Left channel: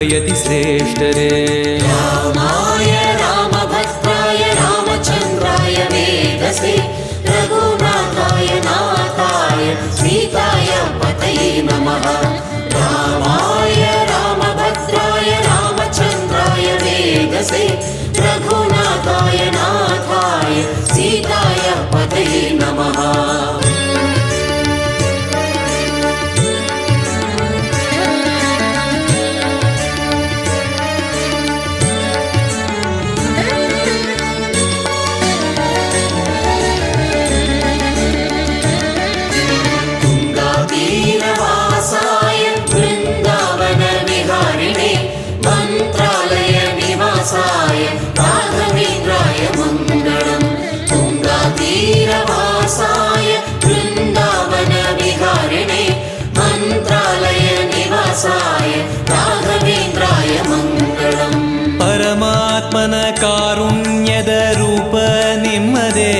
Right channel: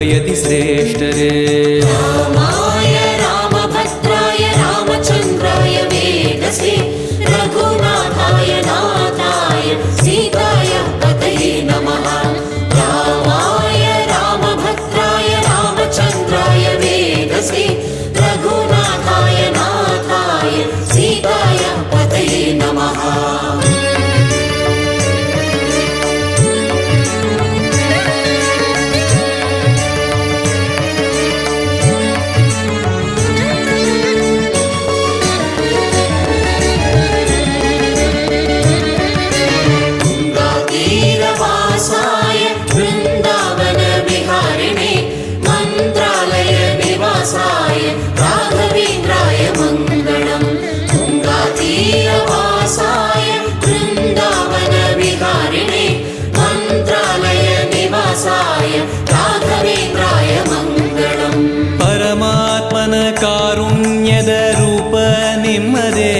यति श्रेष्ठरे रामाय रामभद्राय रामचन्द्राय वेदसे रघुनाथाय नाथाय सीताय पतये नमः। रामाय रामभद्राय रामचन्द्राय वेदसे रघुनाथाय नाथाय सीताय पतये नमः। वासाय वृन्दावन विहारिणे मन्त्रालय निवासाय राघवेन्द्राय मङ्गलम्। तुङ्गातीरवासाय वृन्दावन विहारिणे मन्त्रालय निवासाय राघवेन्द्राय मङ्गलम्। परमात्मन कारुण्यद रूप निम्मदे